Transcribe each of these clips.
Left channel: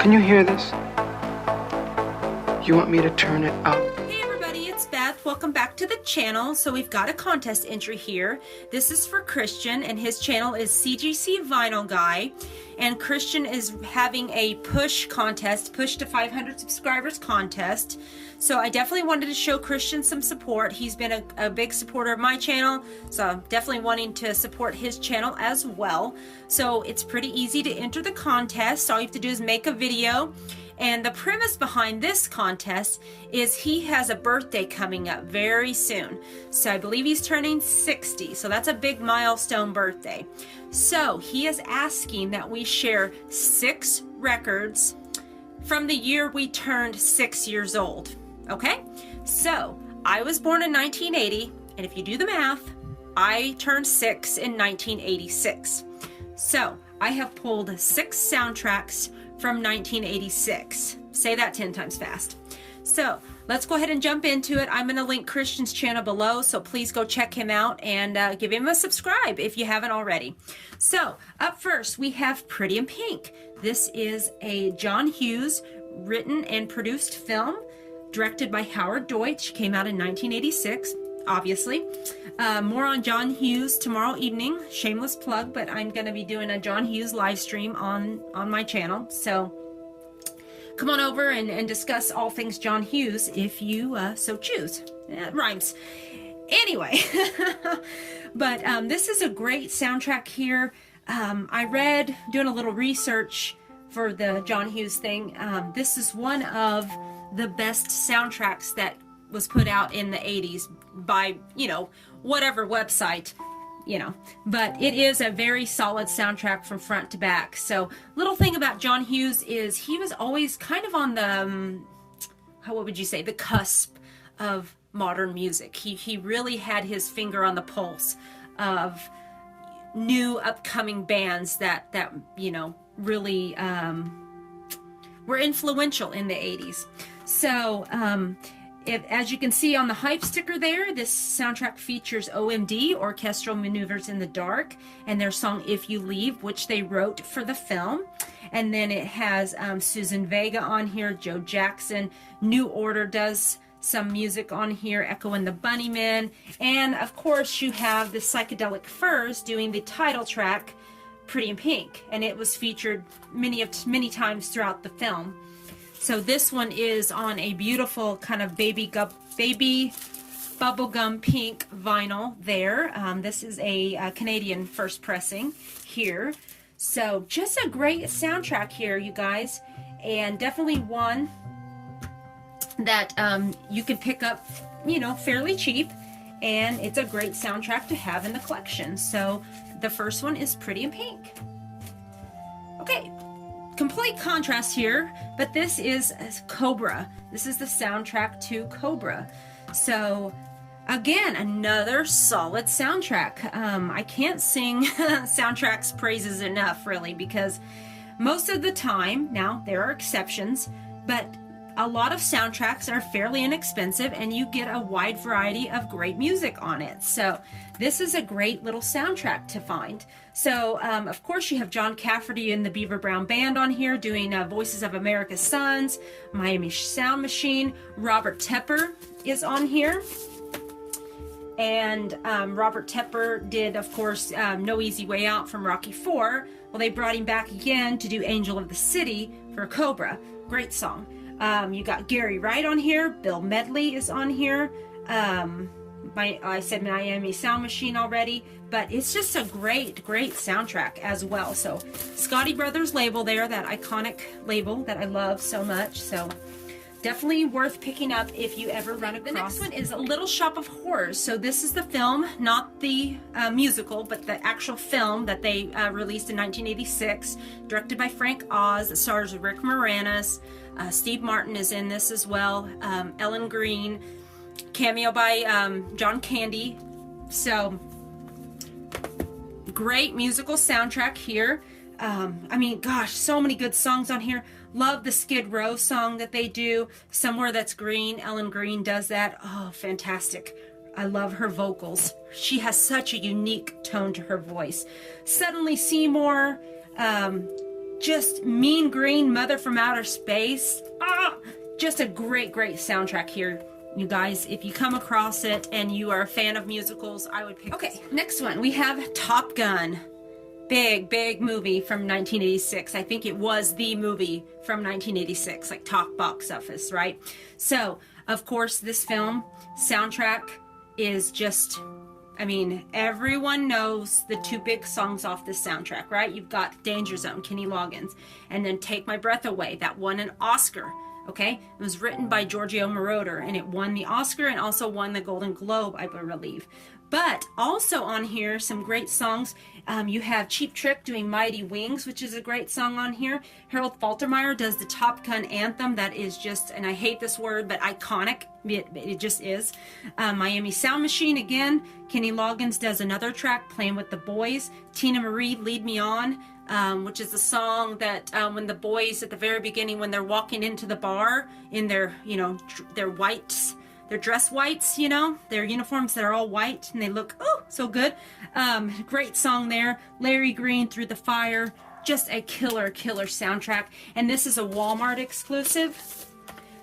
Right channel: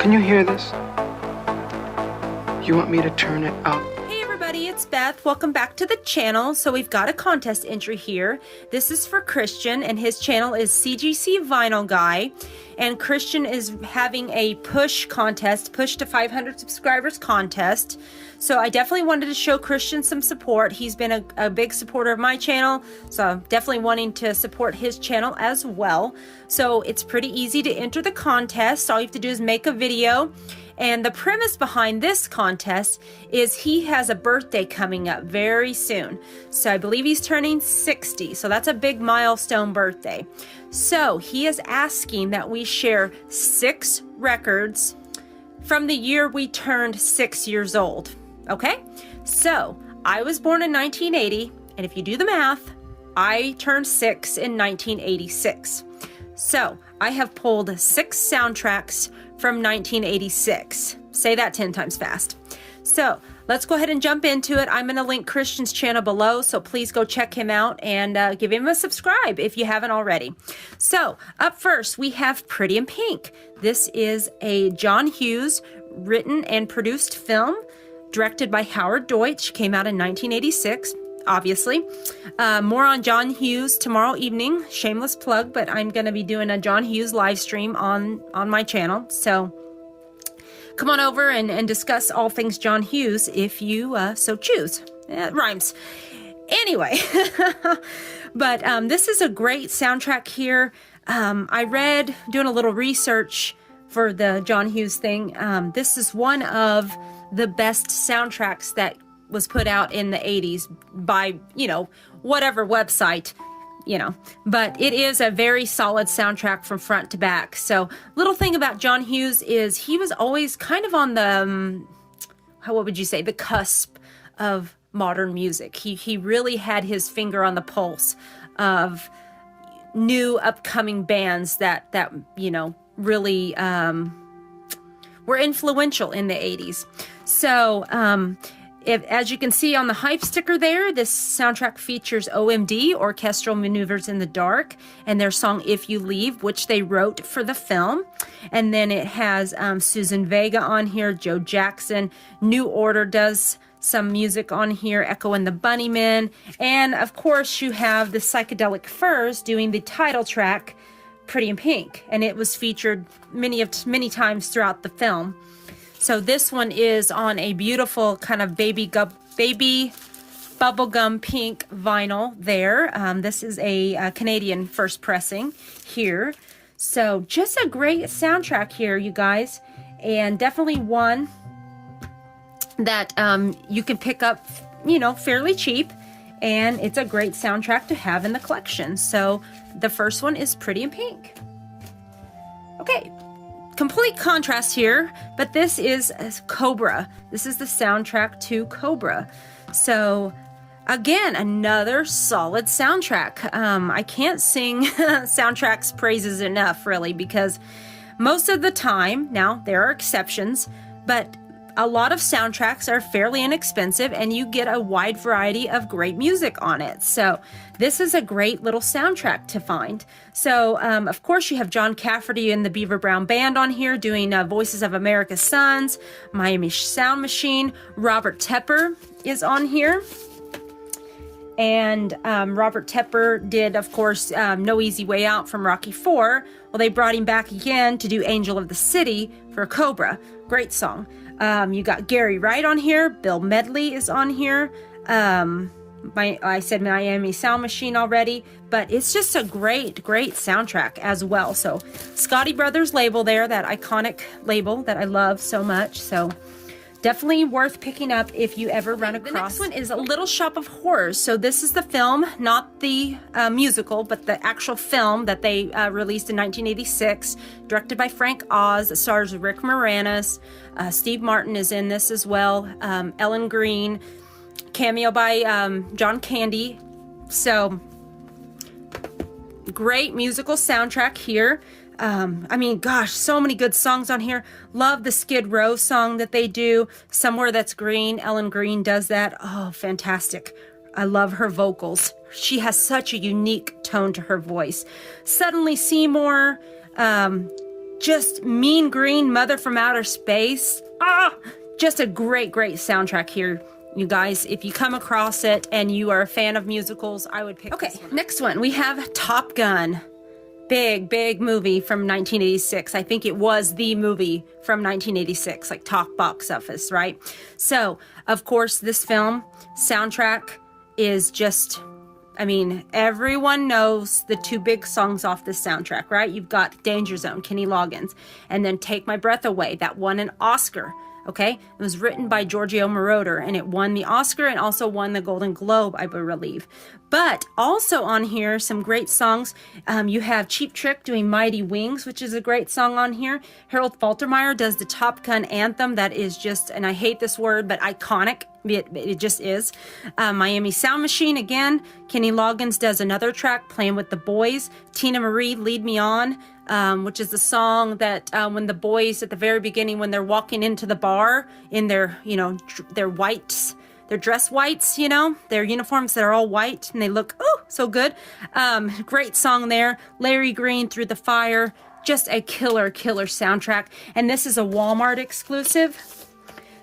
Can you hear this? You want me to turn it up? Hey everybody, it's Beth. Welcome back to the channel. So we've got a contest entry here. This is for Christian, and his channel is CGC Vinyl Guy. And Christian is having a push contest, push to 500 subscribers contest. So I definitely wanted to show Christian some support. He's been a big supporter of my channel, so I'm definitely wanting to support his channel as well. So it's pretty easy to enter the contest. All you have to do is make a video. And the premise behind this contest is he has a birthday coming up very soon. So I believe he's turning 60. So that's a big milestone birthday. So he is asking that we share 6 records from the year we turned 6 years old. Okay? So I was born in 1980. And if you do the math, I turned 6 in 1986. So I have pulled 6 soundtracks from 1986. Say that 10 times fast. So let's go ahead and jump into it. I'm going to link Christian's channel below, so please go check him out and give him a subscribe if you haven't already. So up first, we have Pretty in Pink. This is a John Hughes written and produced film, directed by Howard Deutsch, came out in 1986. Obviously. More on John Hughes tomorrow evening. Shameless plug, but I'm going to be doing a John Hughes live stream on my channel. So come on over and discuss all things John Hughes if you so choose. It rhymes. Anyway, but this is a great soundtrack here. I read, doing a little research for the John Hughes thing. This is one of the best soundtracks that was put out in the 80s by, whatever website, but it is a very solid soundtrack from front to back. So little thing about John Hughes is he was always kind of on the, what would you say, the cusp of modern music. He really had his finger on the pulse of new upcoming bands that really were influential in the 80s. So, as you can see on the hype sticker there, this soundtrack features OMD, Orchestral Maneuvers in the Dark, and their song If You Leave, which they wrote for the film. And then it has Susan Vega on here, Joe Jackson, New Order does some music on here, Echo and the Bunnymen, and of course you have the Psychedelic Furs doing the title track, Pretty in Pink, and it was featured many times throughout the film. So this one is on a beautiful kind of baby bubblegum pink vinyl there. This is a Canadian first pressing here. So just a great soundtrack here, you guys. And definitely one that you can pick up, fairly cheap. And it's a great soundtrack to have in the collection. So the first one is Pretty in Pink. Okay. Complete contrast here, but this is Cobra. This is the soundtrack to Cobra. So again, another solid soundtrack. I can't sing soundtracks praises enough, really, because most of the time, now there are exceptions, but a lot of soundtracks are fairly inexpensive and you get a wide variety of great music on it. So this is a great little soundtrack to find. So of course you have John Cafferty and the Beaver Brown Band on here doing Voices of America's Sons, Miami Sound Machine. Robert Tepper is on here. And Robert Tepper did, of course, No Easy Way Out from Rocky IV. Well, they brought him back again to do Angel of the City for Cobra. Great song. You got Gary Wright on here. Bill Medley is on here. I said Miami Sound Machine already, but it's just a great soundtrack as well. So Scotti Brothers label there, that iconic label that I love so much. So definitely worth picking up if you ever run across. The next one is A Little Shop of Horrors. So this is the film, not the musical, but the actual film that they released in 1986, directed by Frank Oz. It stars Rick Moranis. Steve Martin is in this as well. Ellen Green, cameo by John Candy. So great musical soundtrack here. I mean, gosh, so many good songs on here. Love the Skid Row song that they do, Somewhere That's Green. Ellen Green does that. Oh, fantastic. I love her vocals. She has such a unique tone to her voice. Suddenly Seymour, just Mean Green, Mother from Outer Space. Just a great soundtrack here, you guys. If you come across it and you are a fan of musicals, I would pick. Okay, next one we have Top Gun. Big movie from 1986. I think it was the movie from 1986, like top box office, right? So, of course, this film soundtrack is just, I mean, everyone knows the two big songs off this soundtrack, right? You've got Danger Zone, Kenny Loggins, and then Take My Breath Away, that won an Oscar. Okay, it was written by Giorgio Moroder, and it won the Oscar and also won the Golden Globe, I believe. But also on here, some great songs. You have Cheap Trick doing Mighty Wings, which is a great song on here. Harold Faltermeyer does the Top Gun anthem that is just, and I hate this word, but iconic. It just is. Miami Sound Machine, again. Kenny Loggins does another track, Playing with the Boys. Tina Marie, Lead Me On, which is the song that when the boys at the very beginning, when they're walking into the bar in their, you know, their whites, their dress whites, you know, their uniforms that are all white and they look, oh, so good. Great song there. Larry Green, Through the Fire, just a killer soundtrack. And this is a Walmart exclusive.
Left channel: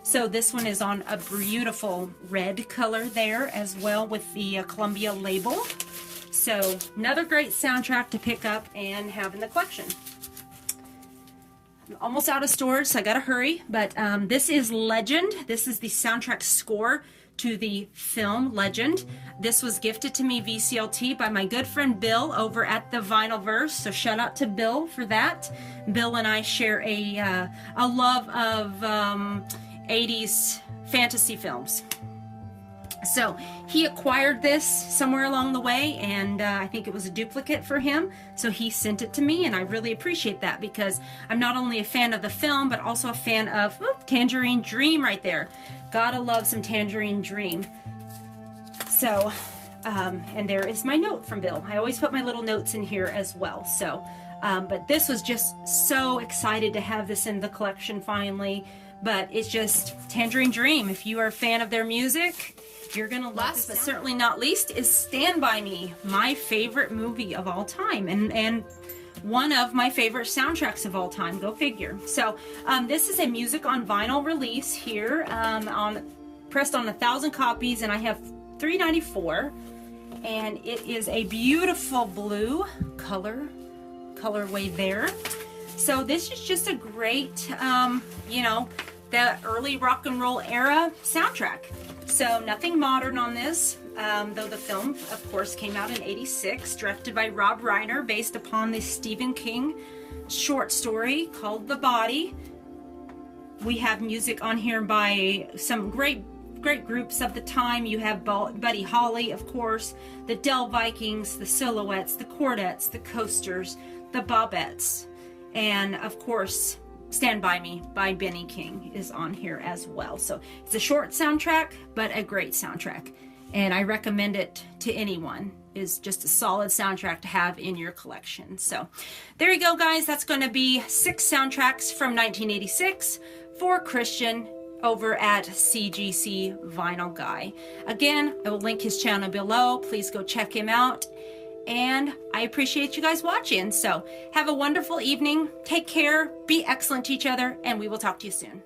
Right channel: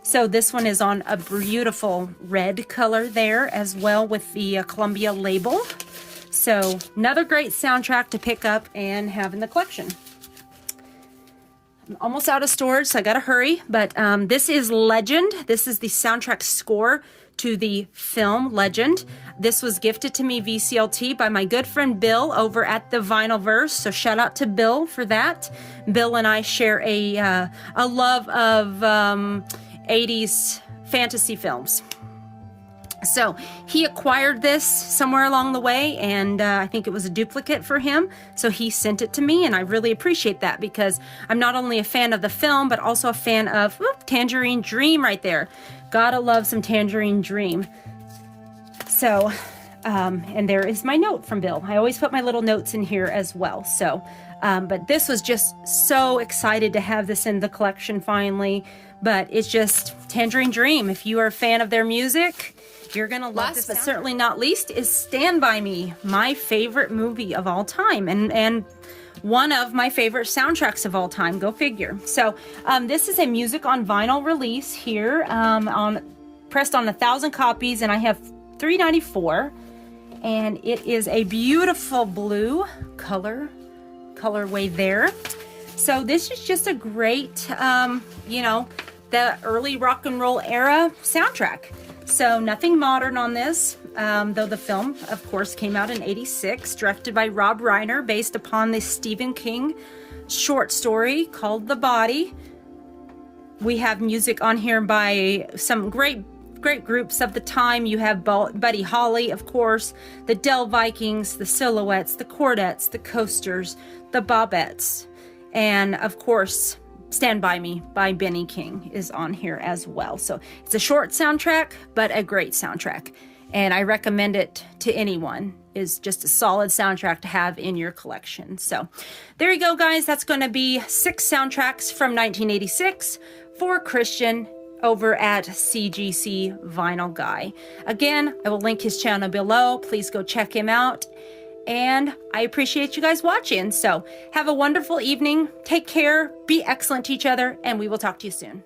So this one is on a beautiful red color there as well with the Columbia label. So another great soundtrack to pick up and have in the collection. I'm almost out of stores, so I gotta hurry. But this is Legend. This is the soundtrack score to the film Legend. This was gifted to me VCLT by my good friend Bill over at the Vinylverse. So shout out to Bill for that. Bill and I share a love of 80s fantasy films. So he acquired this somewhere along the way, and I think it was a duplicate for him. So he sent it to me, and I really appreciate that because I'm not only a fan of the film, but also a fan of Tangerine Dream right there. Gotta love some Tangerine Dream. So, and there is my note from Bill. I always put my little notes in here as well. So, but this was just so excited to have this in the collection finally. But it's just Tangerine Dream. If you are a fan of their music, you're gonna love this. But certainly not least is Stand By Me, my favorite movie of all time, and one of my favorite soundtracks of all time. Go figure. So this is a music on vinyl release here, pressed on 1,000 copies, and I have 394, and it is a beautiful blue colorway there. So this is just a great, you know, the early rock and roll era soundtrack. So nothing modern on this, though the film, of course, came out in '86, directed by Rob Reiner, based upon the Stephen King short story called The Body. We have music on here by some great groups of the time. You have Buddy Holly, of course, the Del Vikings, the Silhouettes, the Chordettes, the Coasters, the Bobettes, and of course, Stand By Me by Benny King is on here as well. So it's a short soundtrack, but a great soundtrack. And I recommend it to anyone. It's just a solid soundtrack to have in your collection. So there you go, guys. That's going to be 6 soundtracks from 1986 for Christian over at CGC Vinyl Guy. Again, I will link his channel below. Please go check him out. And I appreciate you guys watching. So have a wonderful evening. Take care. Be excellent to each other. And we will talk to you soon.